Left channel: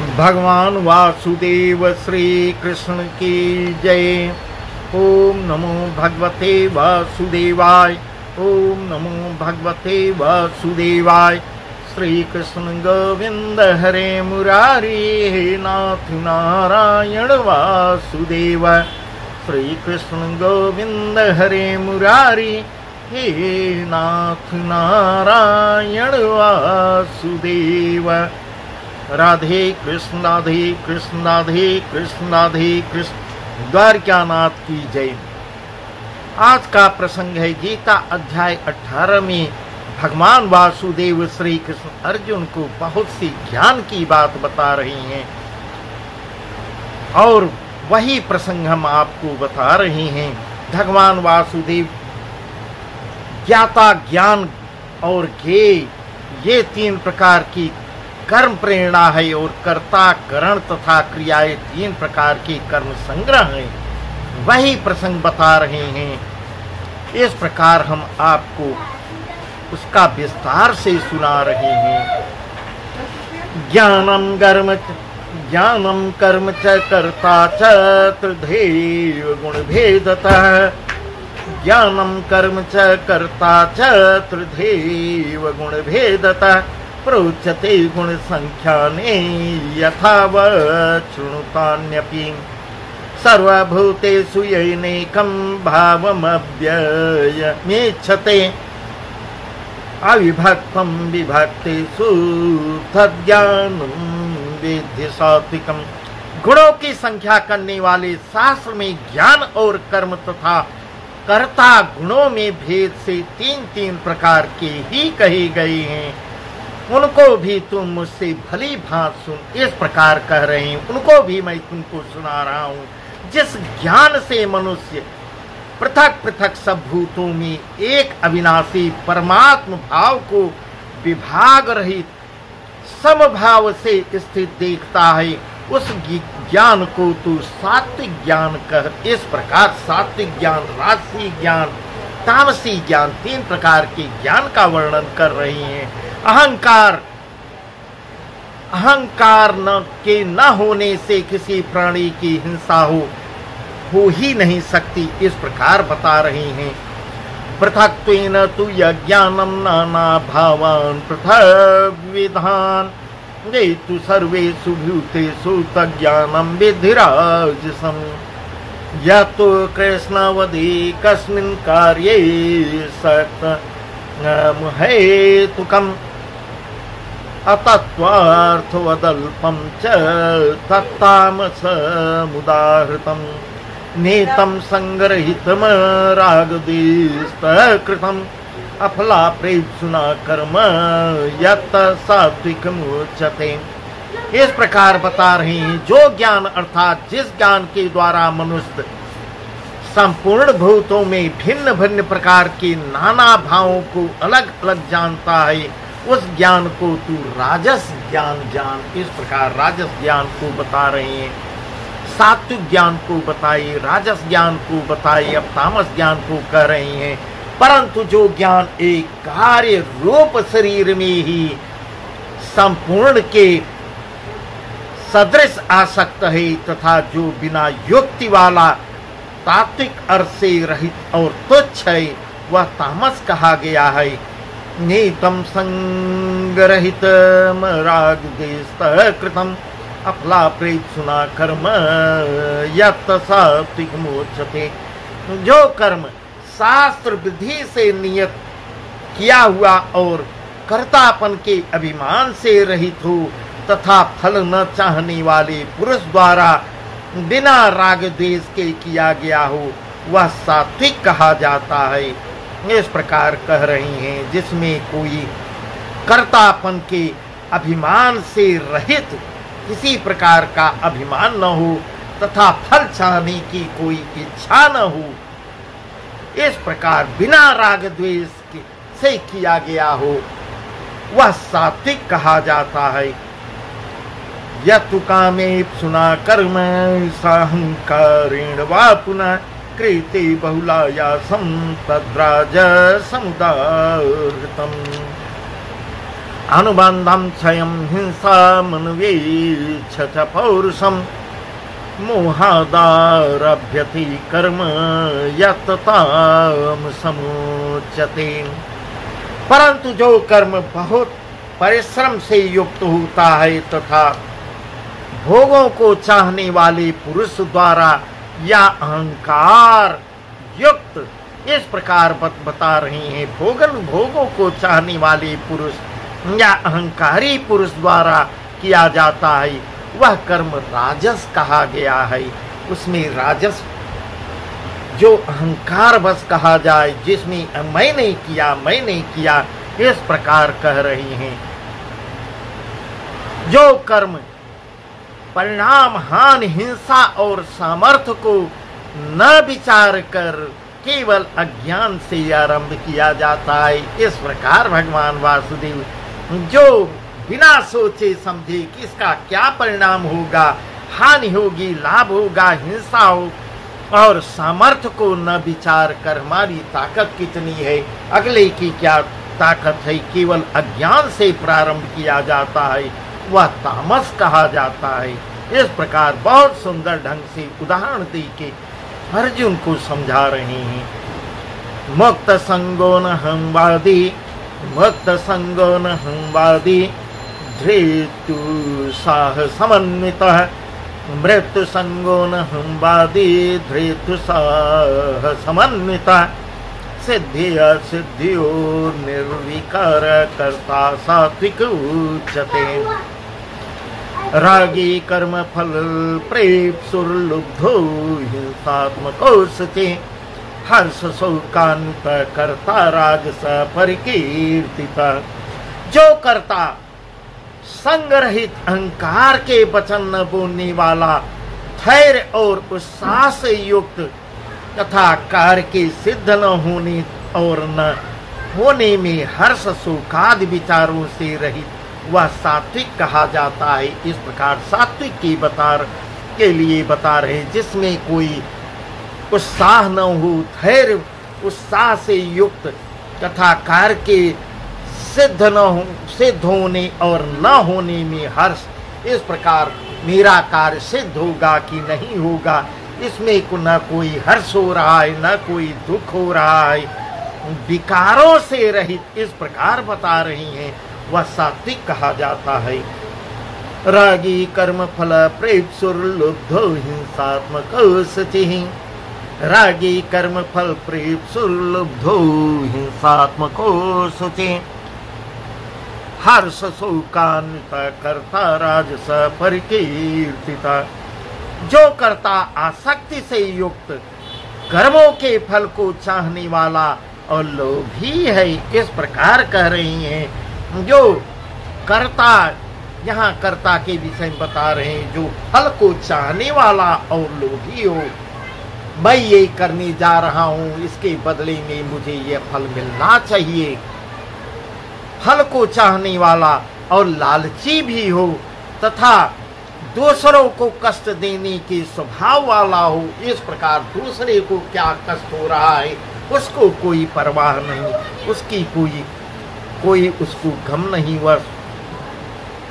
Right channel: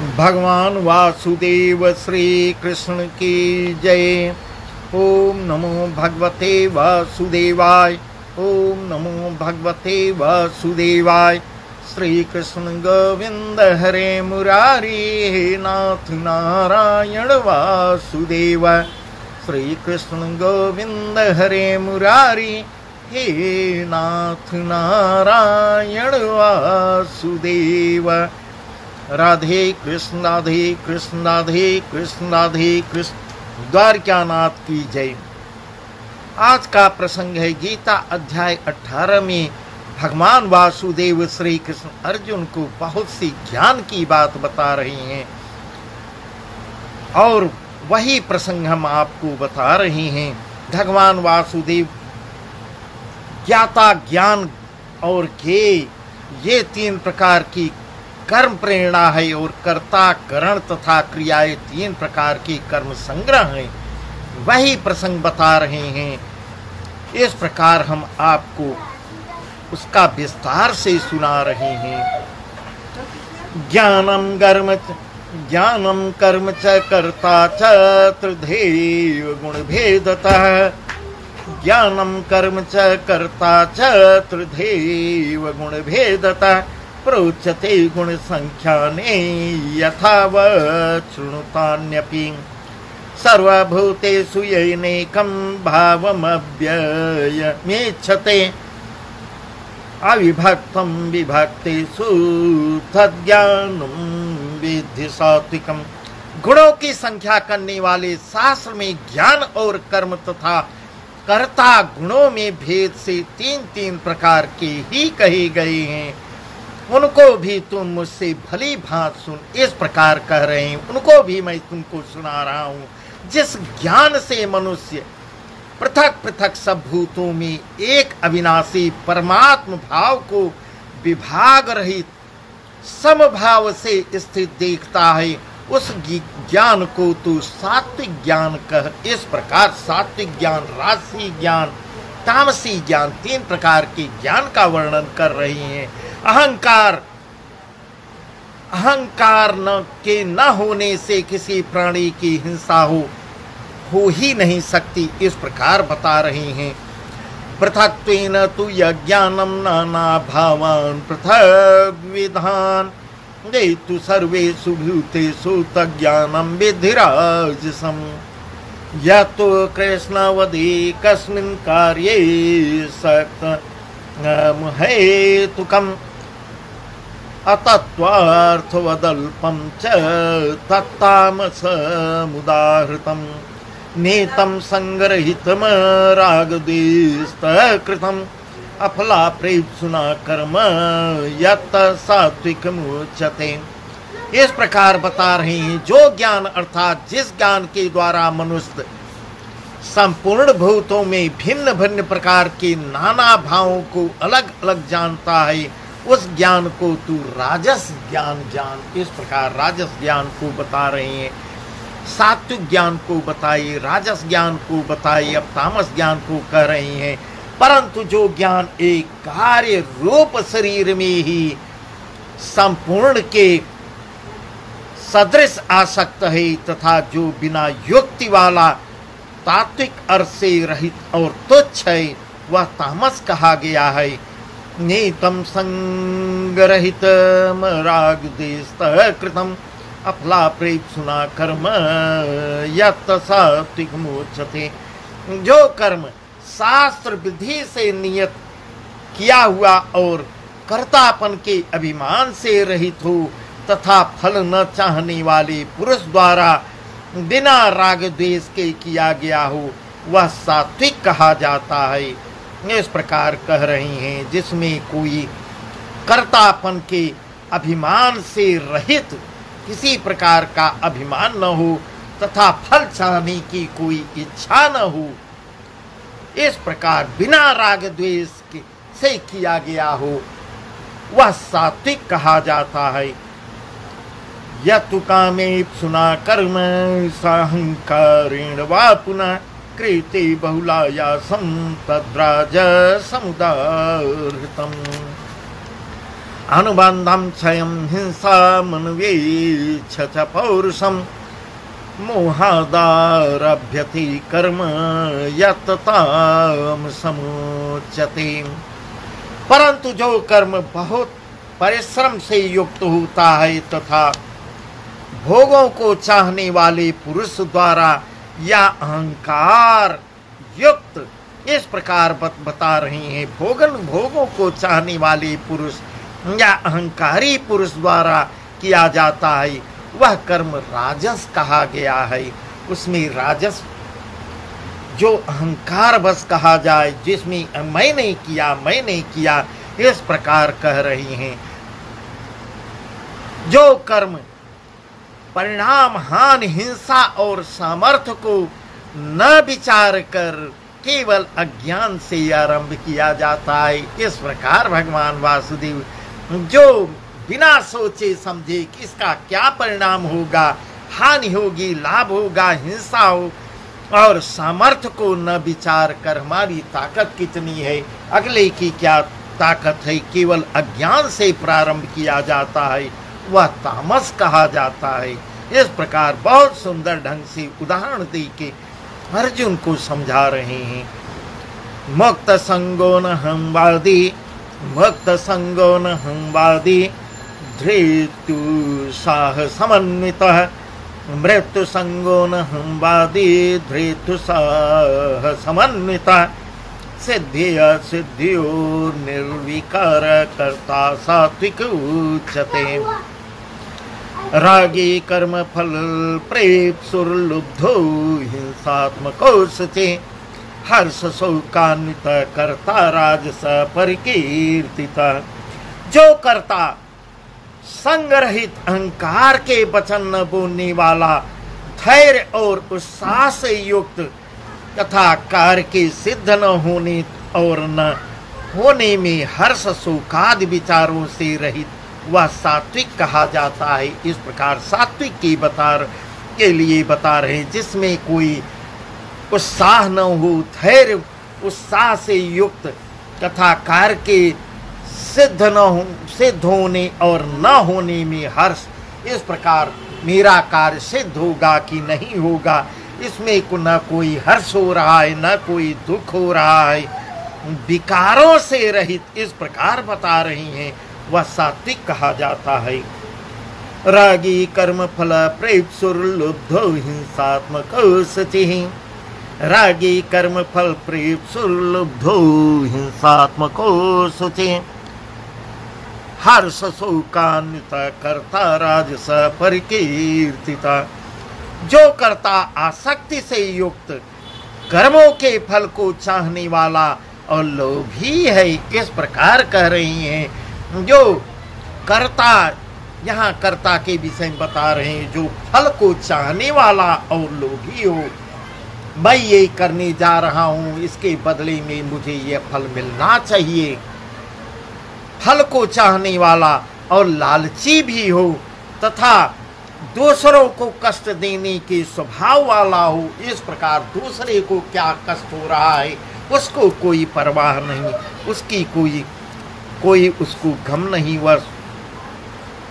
भगवान वासुदेव श्री कृष्ण की जय। ओम नमो भगवते वासुदेवाय। ओम नमो भगवते वासुदेवाय। श्री कृष्ण गोविंद हरे मुरारी, हे नाथ नारायण वासुदेव। श्री कृष्ण गोविंद हरे मुरारी, हे नाथ नारायण वासुदेव। राधे कृष्ण राधे कृष्ण राधे कृष्ण राधे कृष्ण। द्वारकानाथ की जय। आज का प्रसंग है गीता अध्याय 18 में भगवान वासुदेव श्री कृष्ण अर्जुन को बहुत सी ज्ञान की बात बता रहे हैं और वही प्रसंग हम आपको बता रहे हैं। भगवान वासुदेव ज्ञाता, ज्ञान और ज्ञेय, ये तीन प्रकार की कर्म प्रेरणा है और कर्ता, करण तथा क्रियाएं तीन प्रकार के कर्म संग्रह हैं। वही प्रसंग बता रहे हैं। इस प्रकार हम आपको उसका विस्तार से सुना रहे हैं। ज्ञानम कर्म च कर्ता च त्रिधैव गुण भेदतः। ज्ञानम कर्म च कर्ता च त्रिधैव गुण भेदतः। प्रोच्यते गुण संख्याने यथावत् शृणुतान्यपि। सर्वभूतेषु येनैकं भावमव्ययमेच्छते। अविभक्तं विभक्तेषु तद्ज्ञानं विद्धि सात्विकम्। गुणों की संख्या करने वाले शास्त्र में ज्ञान और कर्म तथा कर्ता गुणों में भेद से तीन तीन प्रकार के ही कहे गए हैं। उनको भी तुम मुझसे भली भांति सुन। इस प्रकार कह रहे हैं, उनको भी मैं तुमको सुना रहा हूँ। जिस ज्ञान से मनुष्य पृथक पृथक सब भूतों में एक अविनाशी परमात्म भाव को विभाग रहित समभाव से स्थित देखता है, उस ज्ञान को तू सात्विक ज्ञान कह। इस प्रकार सात्विक ज्ञान, राजसी ज्ञान, तामसी ज्ञान, तीन प्रकार के ज्ञान का वर्णन कर रही हैं। अहंकार के न होने से किसी प्राणी की हिंसा हो ही नहीं सकती। इस प्रकार बता रहे हैं। पृथक्त्वेन तु यज्ञानं नाना भावान् पृथग् विधान्। ये तु सर्वेषु भूतेषु तज्ज्ञानं विद्धि राजसम्। यतो कृष्णवदे कस्मिन् कार्ये हेतुकम्। अतत्त्वार्थवदल्पं च तत्तामसमुदाहृतम्। नेतं संग्रहितं रागद्वेषकृतम्। अफलाप्रेप्सुना कर्म यत् सात्विकमुच्यते। इस प्रकार बता रहे हैं, जो ज्ञान अर्थात जिस ज्ञान के द्वारा मनुष्य संपूर्ण भूतों में भिन्न भिन्न प्रकार के नाना भावों को अलग अलग जानता है, उस ज्ञान को तू राजस ज्ञान जान। इस प्रकार राजस ज्ञान को बता रहे हैं। सात्विक ज्ञान को बताइए, राजस ज्ञान को बताइए, अब तामस ज्ञान को कह रहे हैं। परंतु जो ज्ञान एक कार्य रूप शरीर में ही संपूर्ण के सदृश आसक्त है तथा जो बिना युक्ति वाला तात्विक अर्थ से रहित और तुच्छ है, वह तामस कहा गया है। नेतम संगरहितम रागद्वेषकृतम्। अफलाप्रेप्सुना कर्म यत् सात्विकमुच्यते। जो कर्म शास्त्र विधि से नियत किया हुआ और कर्तापन के अभिमान से रहित हो तथा फल न चाहने वाले पुरुष द्वारा बिना राग द्वेष के किया गया हो, वह सात्विक कहा जाता है। इस प्रकार कह रही हैं, जिसमें कोई कर्तापन के अभिमान से रहित किसी प्रकार का अभिमान न हो तथा फल चाहने की कोई इच्छा न हो, इस प्रकार बिना राग द्वेष से किया गया हो, वह सात्विक कहा जाता है। यत्तु कामेप्सुना कर्म साहंकारेण वा पुनः क्रियते बहुलायासं तद्राजसमुदाहृतम्। अनुबंधम क्षयं हिंसा मन्वेच्छ च पौरुषम मोहादारभ्यति कर्म यत्ताम समुच्यते। परंतु जो कर्म बहुत परिश्रम से युक्त होता है तथा भोगों को चाहने वाले पुरुष द्वारा या अहंकार युक्त, इस प्रकार बता रहे हैं, भोगों को चाहने वाले पुरुष या अहंकारी पुरुष द्वारा किया जाता है, वह कर्म राजस कहा गया है। उसमें राजस जो अहंकार बस कहा जाए, जिसमें मैं नहीं किया, इस प्रकार कह रही हैं। जो कर्म परिणाम हानि, हिंसा और सामर्थ्य को न विचार कर केवल अज्ञान से आरंभ किया जाता है, इस प्रकार भगवान वासुदेव जो बिना सोचे समझे कि इसका क्या परिणाम होगा, हानि होगी, लाभ होगा, हिंसा हो, और सामर्थ्य को न विचार कर हमारी ताकत कितनी है, अगले की क्या ताकत है, केवल अज्ञान से प्रारंभ किया जाता है, वह तामस कहा जाता है। इस प्रकार बहुत सुंदर ढंग से उदाहरण देके अर्जुन को समझा रहे हैं। मुक्त संगो न हमवादी धृतु साह समन्वितः, मृत्यु संगो न हमवादी धृतु साह समन्वितः, सिद्धियो निर्विकार कर्ता सात्विक उच्यते। रागी कर्म फल प्रेप्सुर्लुब्धो हिंसात्मको सचे, हर्ष शोकान्वित कर्ता राजस परिकीर्तिता। जो कर्ता संगरहित अहंकार के वचन न बोलने वाला, धैर्य और उत्साह से युक्त तथा कार्य के सिद्ध न होने और न होने में हर्ष शोकादि विचारों से रहित, वह सात्विक कहा जाता है। इस प्रकार सात्विक के लिए बता रहे, जिसमें कोई उत्साह न हो, धैर्य उत्साह से युक्त तथा कार्य के सिद्ध होने और न होने में हर्ष। इस प्रकार मेरा कार्य सिद्ध होगा कि नहीं होगा, इसमें न कोई हर्ष हो रहा है, न कोई दुख हो रहा है, विकारों से रहित, इस प्रकार बता रही हैं, वह सात्विक कहा जाता है। रागी कर्म फल प्रेप्सुर्लुब्धो हिंसात्मको सचिः, रागी कर्म फल प्रेप्सुर्लुब्धो हिंसात्मको सचिः, हर्ष शोकान्वित कर्ता राजस परिकीर्तिता। जो कर्ता आसक्ति से युक्त, कर्मों के फल को चाहने वाला और लोभी है, इस प्रकार कह रही हैं। जो कर्ता, यहाँ कर्ता के विषय में बता रहे हैं, जो फल को चाहने वाला और लोभी हो, मैं ये करने जा रहा हूँ, इसके बदले में मुझे ये फल मिलना चाहिए, फल को चाहने वाला और लालची भी हो तथा दूसरों को कष्ट देने के स्वभाव वाला हो। इस प्रकार दूसरे को क्या कष्ट हो रहा है उसको कोई परवाह नहीं, उसकी कोई उसको गम नहीं, वह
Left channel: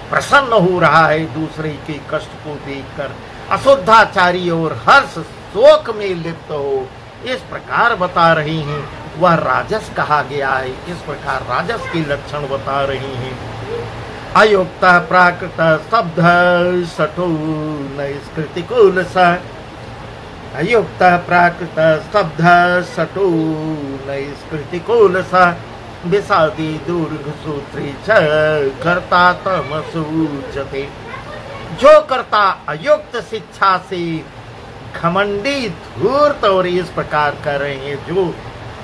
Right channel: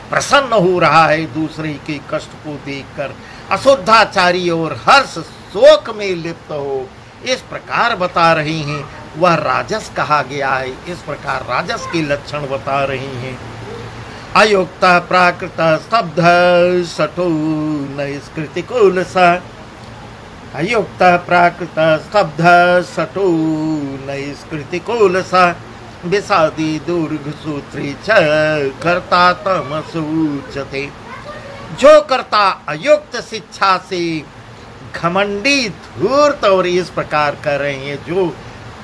प्रसन्न हो रहा है दूसरे के कष्ट को देखकर, अशुद्धाचारी और हर्ष शोक में लिप्त हो। इस प्रकार बता रही हैं, वह राजस कहा गया है। इस प्रकार राजस के लक्षण बता रही हैं। अयुक्त प्राकृत स्तब्ध सठो नैष्कृतिकुलस, अयुक्त प्राकृत स्तब्ध सठो नैष्कृतिकुलस, विषादी दुर्गसूत्री च कर्ता तमसूचते। जो कर्ता अयुक्त शिक्षा से घमंडी धूर्त, और इस प्रकार कर रहे हैं, जो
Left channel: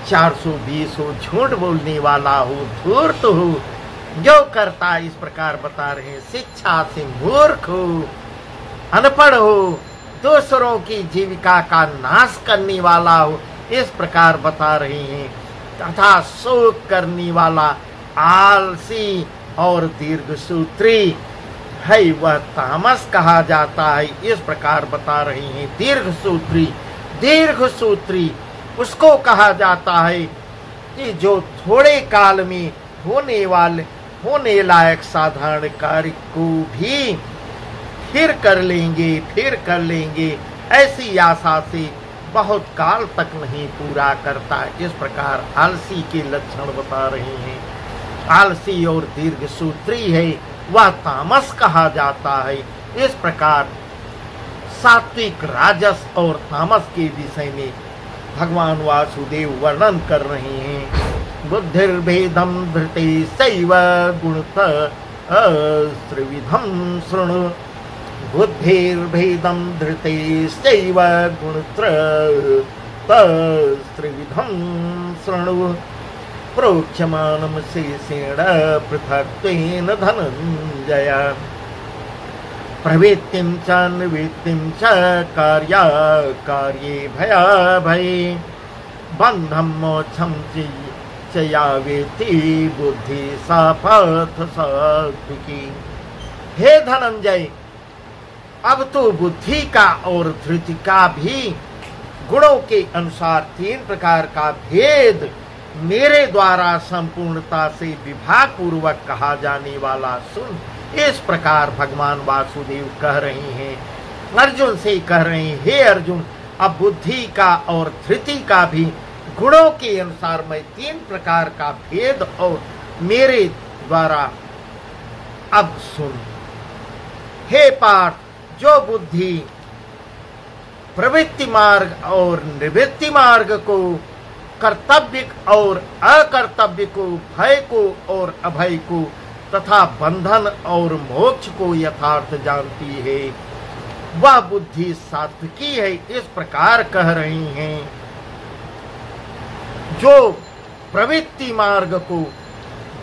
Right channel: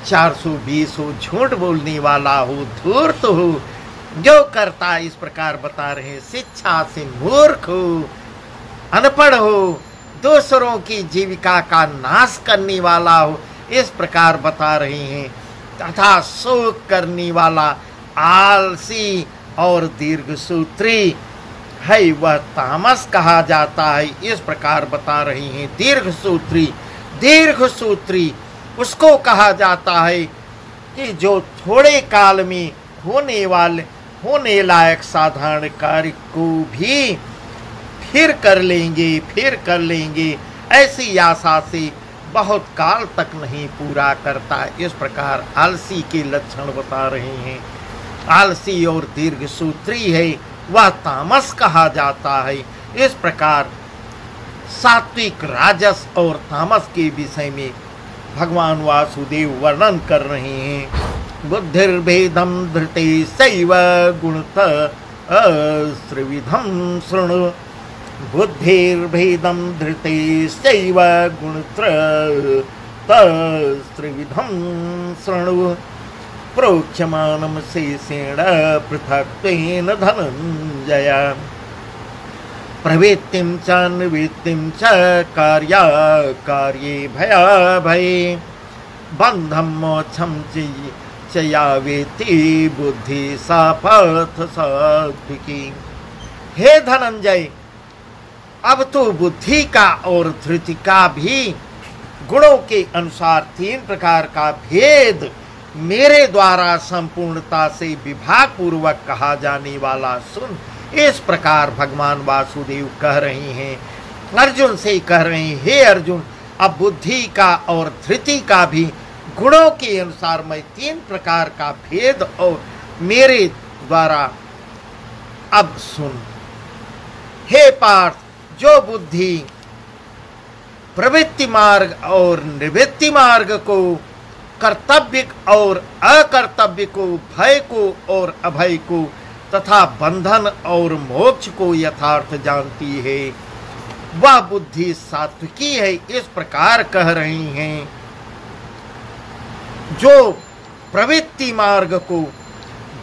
420 हो, झूठ बोलने वाला हो, धूर्त हो, जो करता इस प्रकार बता रहे हैं, शिक्षा से मूर्ख हो, अनपढ़ हो, दूसरों की जीविका का नाश करने वाला हो, इस प्रकार बता रहे हैं, तथा शोक करने वाला, आलसी और दीर्घसूत्री है, वह तामस कहा जाता है। इस प्रकार बता रही हैं। दीर्घसूत्री उसको कहा जाता है कि जो थोड़े काल में होने लायक साधारण कार्य को भी फिर कर लेंगे ऐसी आशा से बहुत काल तक नहीं पूरा करता। इस प्रकार आलसी के लक्षण बता रहे हैं। आलसी और दीर्घ सूत्री है, वह तामस कहा जाता है। इस प्रकार सात्विक, राजस और तामस के विषय में भगवान वासुदेव वर्णन कर रहे हैं। बुद्धिर्भेदम धृते सैव गुणत त्रिविधम शृणु। बुद्धिर्भेदम धृते सैव गुणत्र त्रिविधम शृणु। प्रोच्यमानं शेषेण पृथक्त्वेन धनञ्जय। प्रवृत्तिं च निवृत्तिं च कार्ये भयाभये। बन्धं मोक्षं च या वेत्ति बुद्धि सा पार्थ सात्विकी। हे धनंजय, अब तो बुद्धि का और धृति का भी गुणों के अनुसार 3 प्रकार का भेद मेरे द्वारा संपूर्णता से विभाग पूर्वक कहा जाने वाला सुन। इस प्रकार भगवान वासुदेव कह रहे हैं, अर्जुन से कह रहे हैं, हे अर्जुन, अब बुद्धि का और धृति का भी गुणों के अनुसार मैं 3 प्रकार का भेद और मेरे द्वारा अब सुन। हे पार्थ, जो बुद्धि प्रवृत्ति मार्ग और निवृत्ति मार्ग को, कर्तव्य और अकर्तव्य को, भय को और अभय को तथा बंधन और मोक्ष को यथार्थ जानती है, वह बुद्धि सात्विकी है। इस प्रकार कह रही हैं। जो प्रवृत्ति मार्ग को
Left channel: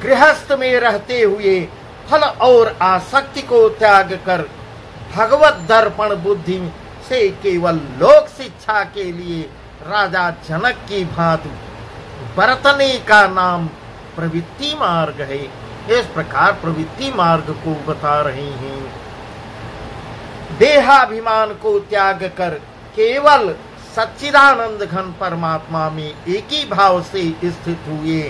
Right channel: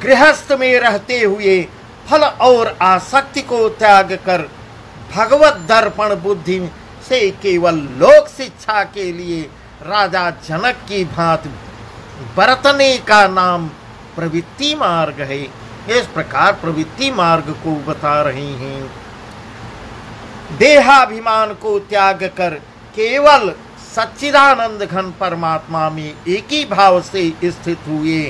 गृहस्थ में रहते हुए फल और आसक्ति को त्याग कर भगवत दर्पण बुद्धि से केवल लोक शिक्षा के लिए राजा जनक की भांति बरतने का नाम प्रवृत्ति मार्ग है। इस प्रकार प्रवृत्ति मार्ग को बता रहे हैं। देहाभिमान को त्याग कर केवल सच्चिदानंद घन परमात्मा में एक ही भाव से स्थित हुए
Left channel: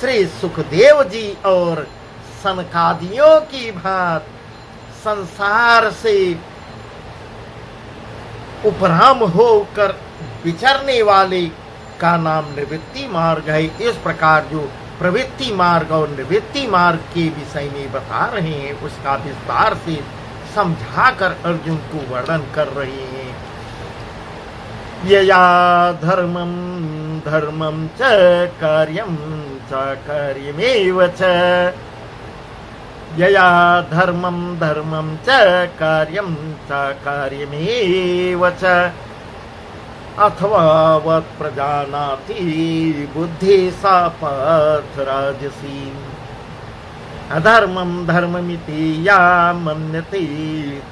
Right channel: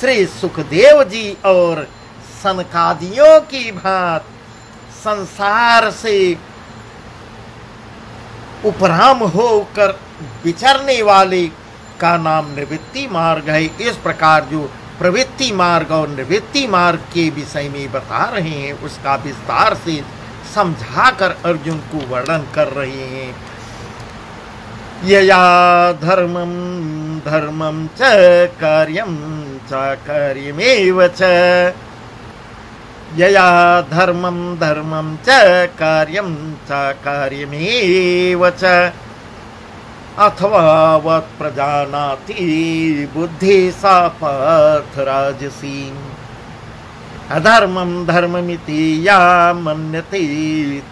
श्री सुखदेव जी और सनकादियों की भांति संसार से उपराम होकर विचरने वाले का नाम निवृत्ति मार्ग है। इस प्रकार जो प्रवृत्ति मार्ग और निवृत्ति मार्ग के विषय में बता रहे हैं, उसका विस्तार से समझाकर अर्जुन को वर्णन कर रहे हैं। यया धर्मं धर्मं च कार्यं च कार्यमेव च। यया धर्मं धर्मं च कार्यं च कार्यमेव च। अथवा वत् प्रजानाति बुद्धि सा पार्थ राजसी। अधर्मं धर्ममिति या मन्यते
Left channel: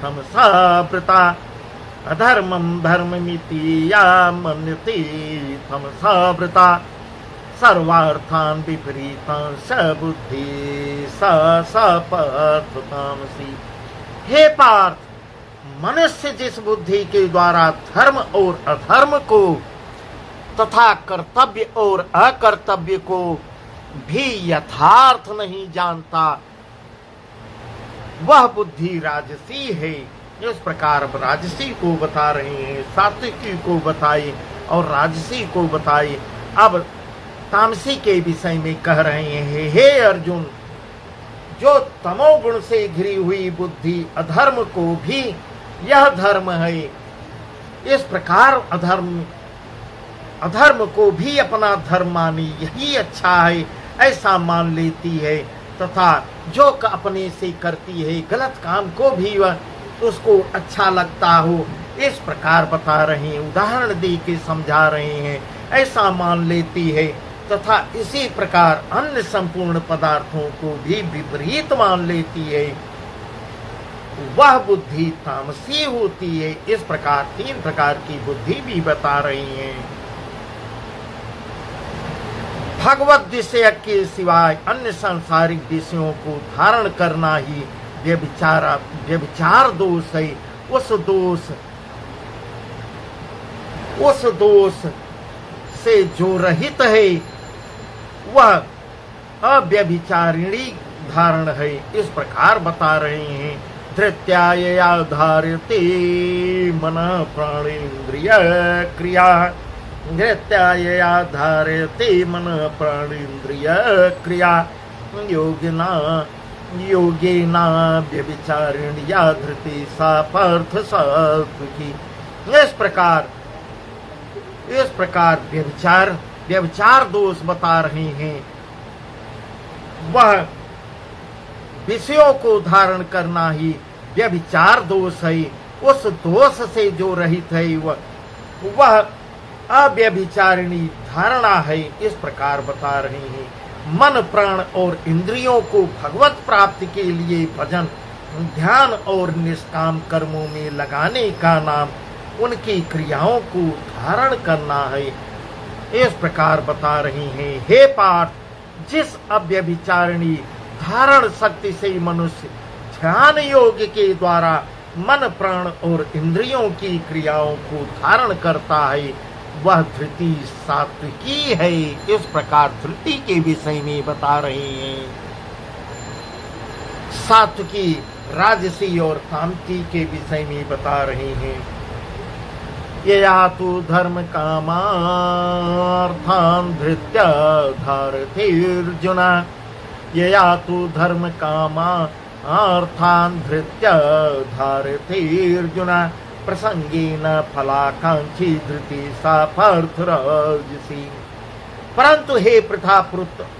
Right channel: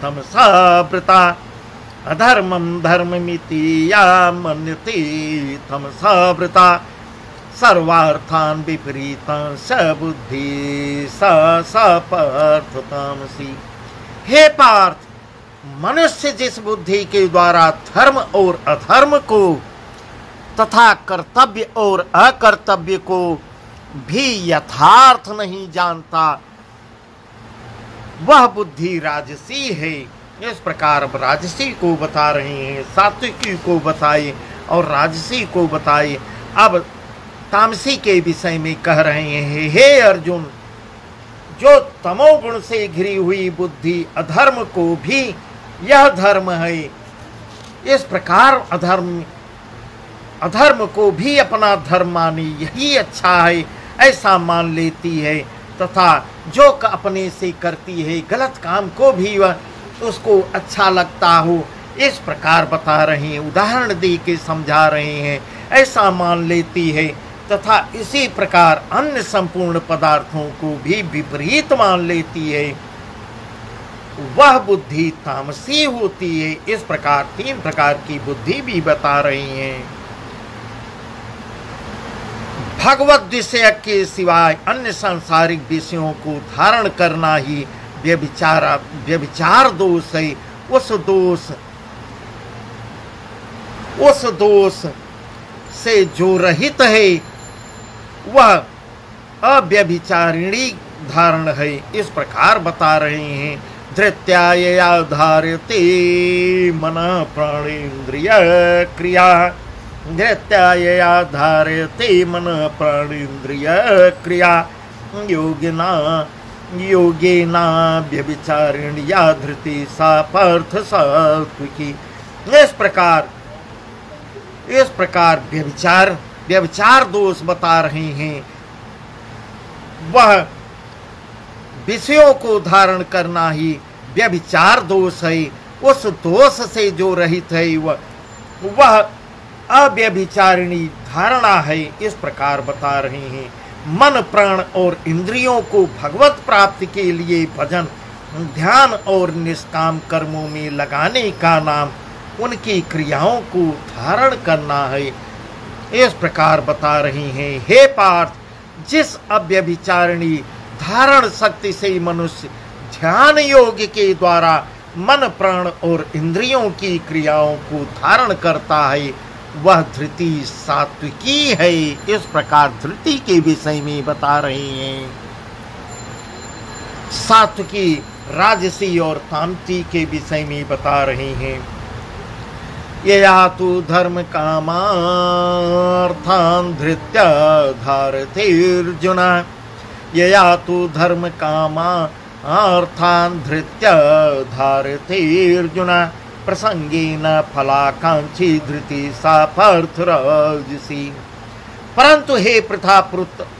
तमसा वृता। अधर्मं धर्ममिति या मन्यते तमसा वृता। सर्वार्थान् विपरीतान् स बुद्धि सा पार्थ तामसी। हे पार्थ, मनुष्य जिस बुद्धि के द्वारा धर्म और अधर्म को तथा कर्तव्य और अकर्तव्य को भी यथार्थ नहीं जानता, वह बुद्धि राजसी है। इस प्रकार राजसी को बता रहे हैं, सात्विकी को बताए और राजसी को बताए। अब तामसी के विषय में कह रहे हैं, हे अर्जुन, जो तमोगुण से घिरी हुई बुद्धि अधर्म को भी यह धर्म है, इस प्रकार अधर्म को भी अपना धर्म मानी यही अच्छा है ऐसा मान लेती है, तथा जो अपने से करती है गलत काम को भी वह उसको अच्छा लगता हो, इस प्रकार बता रहे हैं, उदाहरण दे के समझा रहे हैं, ऐसा मान लेती है। तथा इसी प्रकार अन्य संपूर्ण पदार्थों को भी विपरीत मान लेती है, वह बुद्धि तामसी होती है। इस प्रकार 3 प्रकार की बुद्धि भी बता रहे हैं। भगवत विषय के सिवाय अन्य सांसारिक विषयों को धारण करना ही व्यभिचार दोष है। उस दोष से जो रहित है वह अव्यभिचारिणी धारण है, इस प्रकार बता रहे हैं। धृत्यायया धारते मन प्राणेन्द्रिय क्रिया, धृत्यायया धारते मन प्राणेन्द्रिय क्रिया, योगिना योगेना व्यभिचारिण्या धृति सा पार्थ सात्विकी। इस प्रकार व्यभिचार दोष बता रहे हैं। वह विषयों को धारण करना ही व्यभिचार दोष है। उस दोष से जो रहित है वह अव्यभिचारिणी धारणा है, इस प्रकार बता रहे हैं। मन प्राण और इंद्रियों को भगवत प्राप्ति के लिए भजन ध्यान और निष्काम कर्मों में लगाने का नाम उनकी क्रियाओं को धारण करना है, इस प्रकार बता रही हैं। हे पार्थ, जिस अव्यभिचारिणी धारण शक्ति से मनुष्य ध्यान योग के द्वारा मन प्राण और इंद्रियों की क्रियाओं को धारण करता है वह धृति सात्विकी है, इस प्रकार धृति के विषय में बता रहे हैं। सात्विकी राजसी और तामसी के विषय में बता रहे हैं। यया तु धर्म कामार्थान् धृत्या धारते अर्जुन, यया तु धर्म कामार्थान् धृत्या धारते अर्जुन, प्रसंगेन फलाकांक्षी धृति सा पार्थ राजसी। परंतु हे पृथा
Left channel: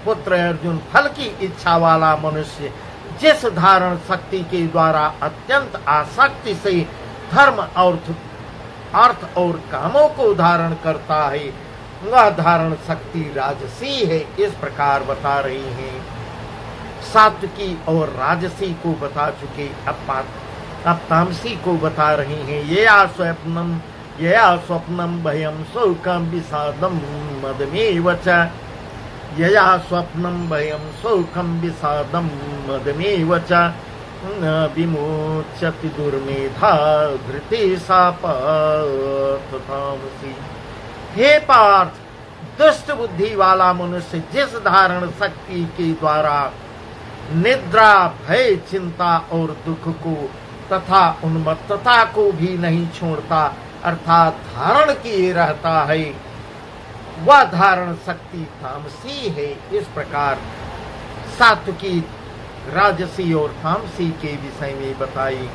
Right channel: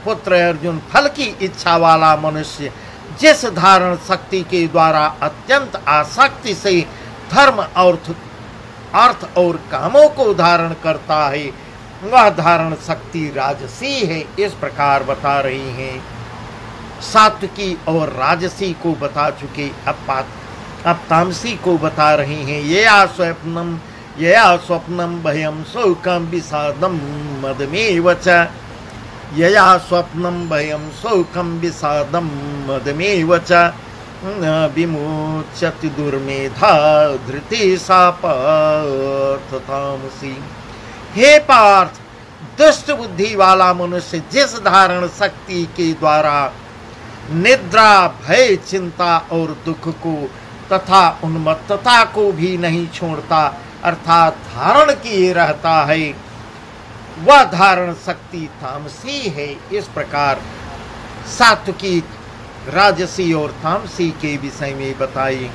पुत्र अर्जुन, फल की इच्छा वाला मनुष्य जिस धारण शक्ति के द्वारा अत्यंत आसक्ति से धर्म अर्थ और कामों को धारण करता है वह धारण शक्ति राजसी है, इस प्रकार बता रही हैं। सात्विकी और राजसी को बता चुके, अब तामसी को बता रही हैं। यया स्वप्नम भयम शोकम विषादम मदमेव च, यया स्वप्नम भयम शोकम विषादम मदमेव च, न विमोचति दुर्मेधा धृति सा पार्थ तामसी। हे पार्थ, दुष्ट बुद्धि वाला मनुष्य जिस धारण शक्ति के द्वारा निद्रा भय चिंता और दुख को तथा उन्मत्तता को भी नहीं छोड़ता अर्थात धारण किए रहता है वह धारण शक्ति तामसी है, इस प्रकार सात्विकी राजसी और तामसी के विषय में बताई।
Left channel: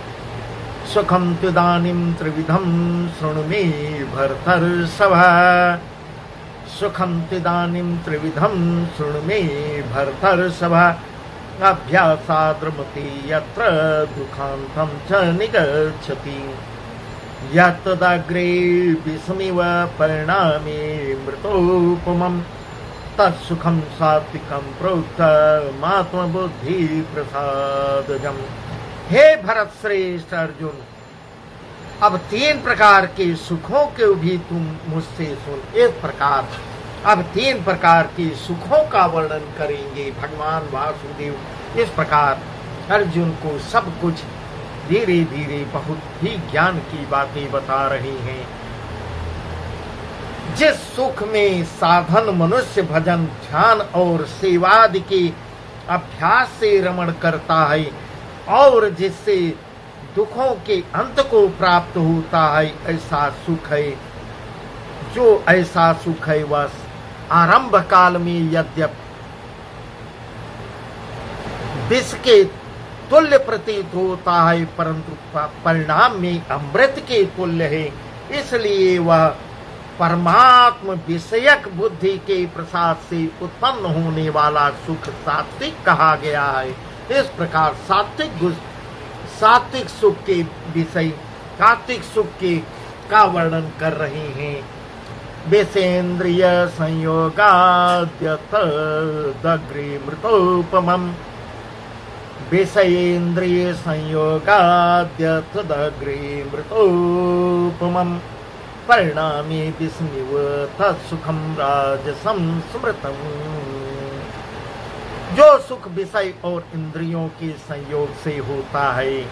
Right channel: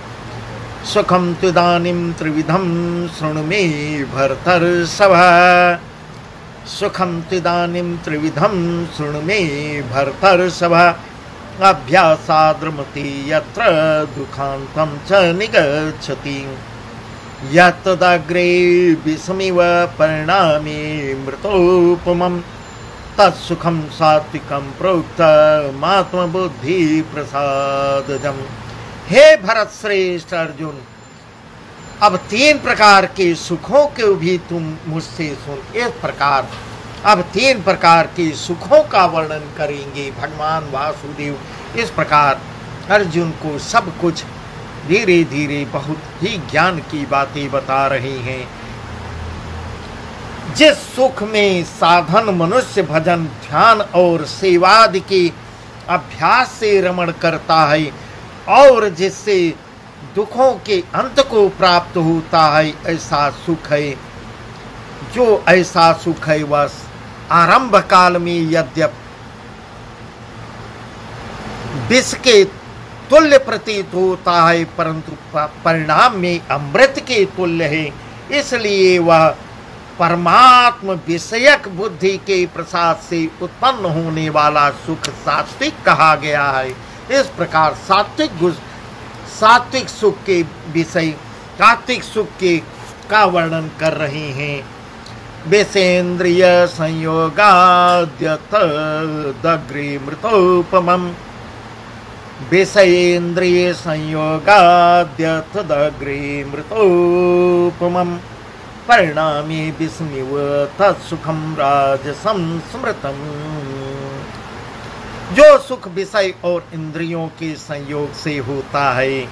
सुखम तुदानिम त्रिविधम शृणु मे भरतर्षभ, सुखम तुदानिम त्रिविधम शृणु मे भरतर्षभ, अभ्यासाद्रमति यत्र दुखांतं च निगच्छति, यत्तदग्रे विषमिव परिणामे मृतोपमं, तत्सुखं सात्विकं प्रोक्तमात्मबुद्धि प्रसादजम्। हे भरत श्रेष्ठ अर्जुन, अब 3 प्रकार के सुखों को भी तुम मुझसे सुन। इस प्रकार अब 3 प्रकार के सुखों का वर्णन करेंगे भगवान वासुदेव। इस प्रकार अर्जुन को सब कुछ धीरे धीरे बहुत ही ज्ञान की बातें बता रही हैं। जिस सुख में साधन मनुष्य भजन ध्यान और सेवादि के अभ्यास से रमण करता है और जिससे दुखों के अंत को प्राप्त होता है ऐसा सुख है। जो ऐसा सुख है वह आरंभ काल में यद्यप विष के तुल्य प्रतीत होता है परंतु परिणाम में अमृत के तुल्य है, इसलिए वह परमात्म विषयक बुद्धि के प्रसाद से उत्पन्न होने वाला सुख सात्विक कहा गया है। इस प्रकार सात्विक सुख के विषय सात्विक सुख के का वर्णन कर रहे हैं। विषेन्द्रिय संयोगाद्यतदग्रे मृतोपमम्, विषयेन्द्रिय संयोगाद्यतदग्रे मृतोपमम्, परिणामे विस्मिव तत्सुखं राजसं स्मृतम्। जो सुख विषय और इंद्रियों के संयोग से होता है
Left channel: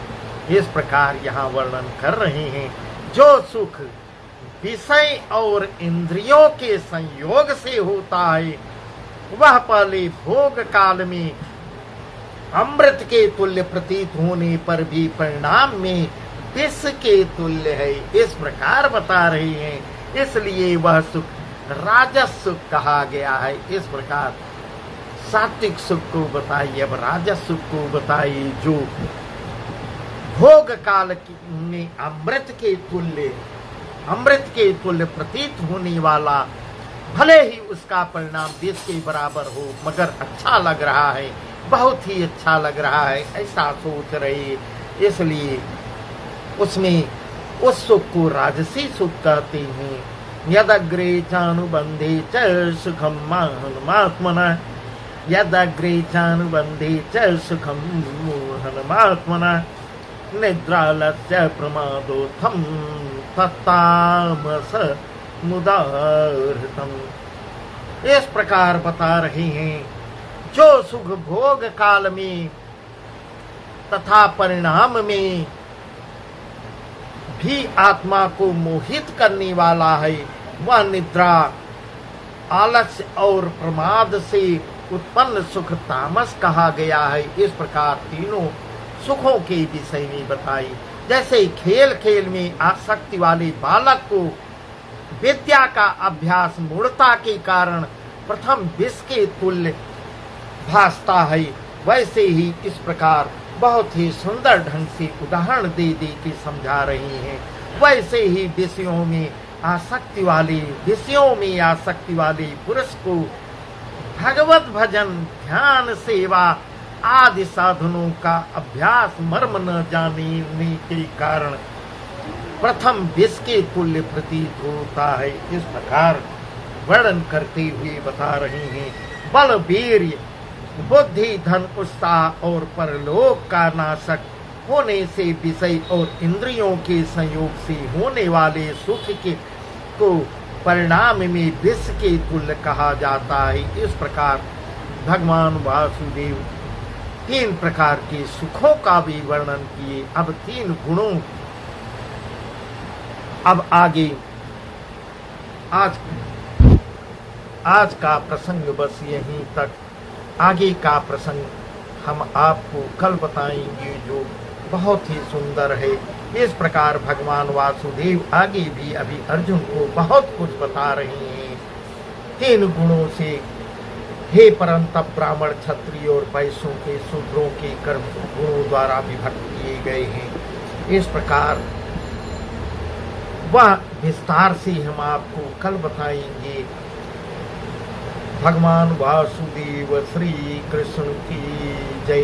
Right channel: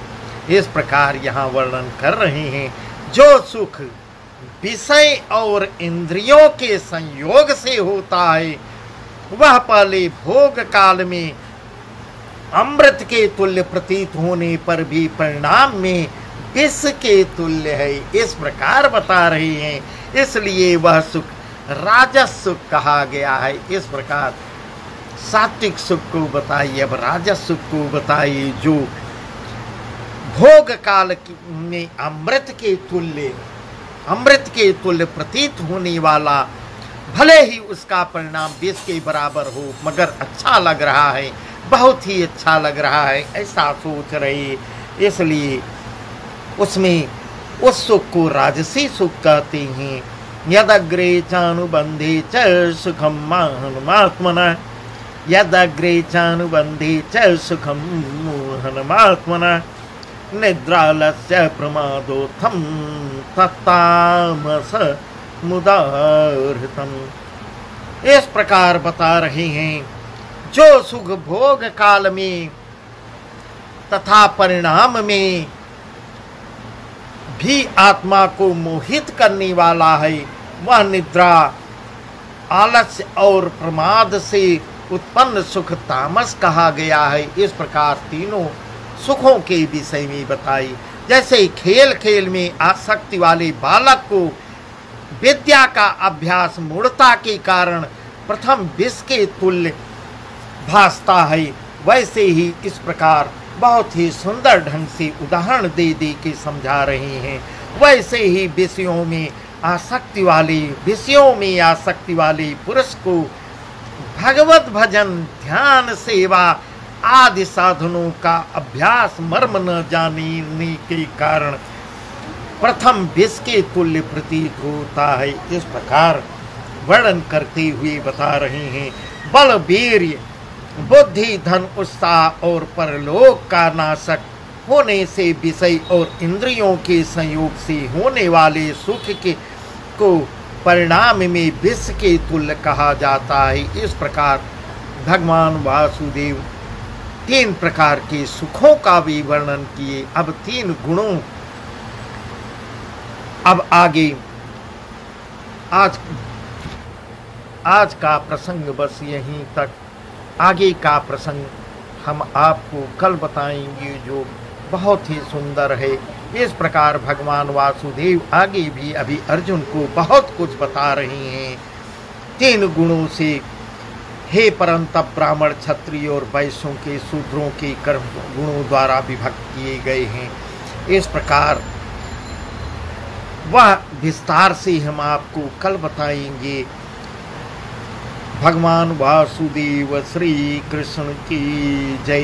इस प्रकार यहाँ वर्णन कर रहे हैं। जो सुख विषय और इंद्रियों के संयोग से होता है वह पहले भोग काल में अमृत के तुल्य प्रतीत होने पर भी परिणाम में विष के तुल्य है, इस प्रकार बता रहे हैं। इसलिए वह सुख राजस सुख कहा गया है। इस प्रकार सात्विक सुख को बताइए, अब राजस सुख को बताइए, जो भोग काल में अमृत के तुल्य प्रतीत होने वाला, भले ही उसका परिणाम विष के बराबर हो, मगर अच्छा लग रहा है, बहुत ही अच्छा लग रहा है, ऐसा सोच रहे। इसलिए उसमें उस सुख को राजसी सुख कहते हैं। यदग्रे चानुबंधे च सुखम मोहनमात्मना, यदग्रे चानुबंधे च सुखम मोहनमात्मना, निद्रालस्य प्रमादोत्थम तत्तामस मुदाहृतम। इस प्रकार बता रहे हैं, जो सुख भोग काल में तथा परिणाम में भी आत्मा को मोहित करने वाला है, वह निद्रा, आलस्य और प्रमाद से उत्पन्न सुख तामस कहा गया है। इस प्रकार तीनों सुखों के विषय में बताई। जैसे खेल खेल में आसक्ति वाले बालक को विद्या का अभ्यास मूढ़ता के कारण प्रथम विष के तुल्य भासता है, वैसे ही इस प्रकार बहुत ही सुंदर ढंग से उदाहरण दे के समझा रहे हैं। वैसे ही विषयों में आसक्ति वाले पुरुष को भगवत भजन, ध्यान, सेवा आदि साधनों का अभ्यास मर्म न जानने के कारण प्रथम विष के तुल्य प्रतीत होता है। इस प्रकार वर्णन करते हुए बता रहे हैं, बल, वीर्य, बुद्धि, धन, उत्साह और परलोक का नाशक होने से विषय और इंद्रियों के संयोग से होने वाले सुख को परिणाम में विष के तुल्य कहा जाता है। इस प्रकार भगवान वासुदेव तीन प्रकार के सुखों का भी वर्णन किए। अब तीन गुणों, अब आगे आज का प्रसंग बस यहीं तक। आगे का प्रसंग हम आपको कल बताएंगे, जो बहुत ही सुंदर है। इस प्रकार भगवान वासुदेव आगे भी अभी अर्जुन को बहुत कुछ बता रहे हैं। तीन गुणों से हे परंतप ब्राह्मण, क्षत्रिय और वैश्यों के शूद्रों के कर्म गुणों द्वारा विभक्त किए गए हैं। इस प्रकार वह विस्तार से हम आपको कल बताएंगे। भगवान वासुदेव श्री कृष्ण की जय।